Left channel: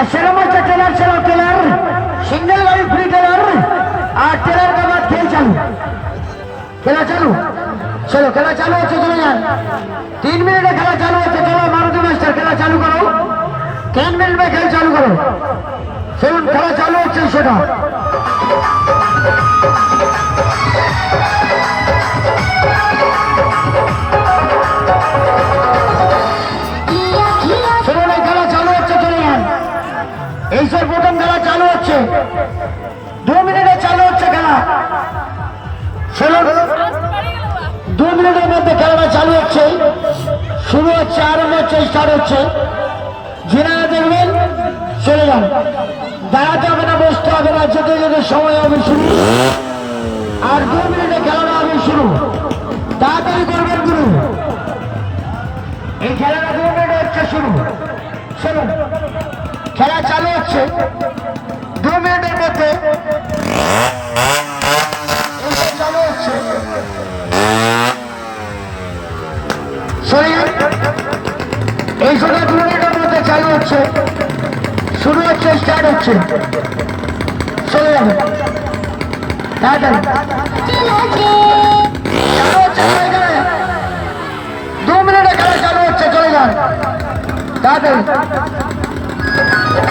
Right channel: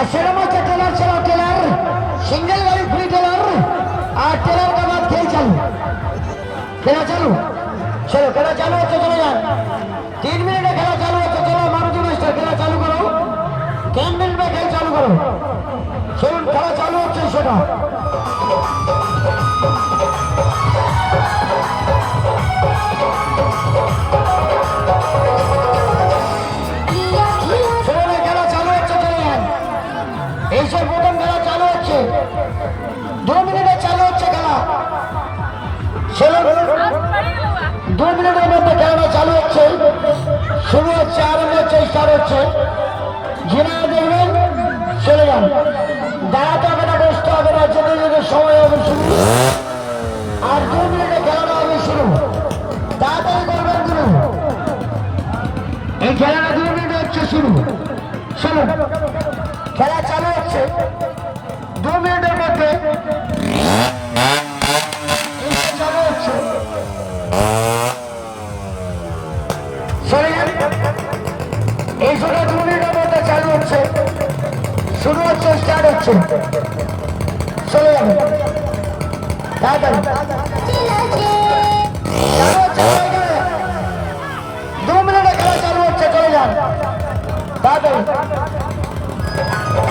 আর সেরকম হচ্ছে টেলার ছিল, টেলার সিঙ্গেল গাড়ি ফ্রি টেলার, আর টেলার के बाद खेल चालू, खेला चालू। चलो खेला चालू হচ্ছে, চলে যান। 3 মিনিটে খেলা চালু হচ্ছে। চলো মারুতি মাস্টার খেলা চালু করো, 3 মিনিট में খেলা চালু করো। চলুন খেলা চালু হচ্ছে সেটা। চলুন এই খেলা চালু হচ্ছে, চলে যান। এই সব প্রথম খেলা চালু হচ্ছে, 2 মিনিটে চালু হচ্ছে খেলা। চলুন 2 মিনিটের মধ্যে খেলাটা চালু হচ্ছে, শুরু হচ্ছে, আরম্ভ হচ্ছে, স্টার্ট হচ্ছে। যিনারা দেখবেন চলে যান, দাঁড়াতে হবে না, বসতে হবে না, যেতে যেতে সময় হবে শুরু। আর 2 মিনিটে খেলাটা হবে শুরু, তাড়াতাড়ি করবেন গুরু। এই খেলাটা 2 মিনিটে হচ্ছে শুরু। চলুন খেলা চালু হচ্ছে, 2 মিনিটের মধ্যে চালু হচ্ছে। চলে যান, এই সময় 2 মিনিটের মধ্যে চালু হচ্ছে, শুরু হচ্ছে, স্টার্ট হচ্ছে। চলে যান তাড়াতাড়ি, 2 মিনিটে খেলা চালু হচ্ছে, চলে যান তাড়াতাড়ি।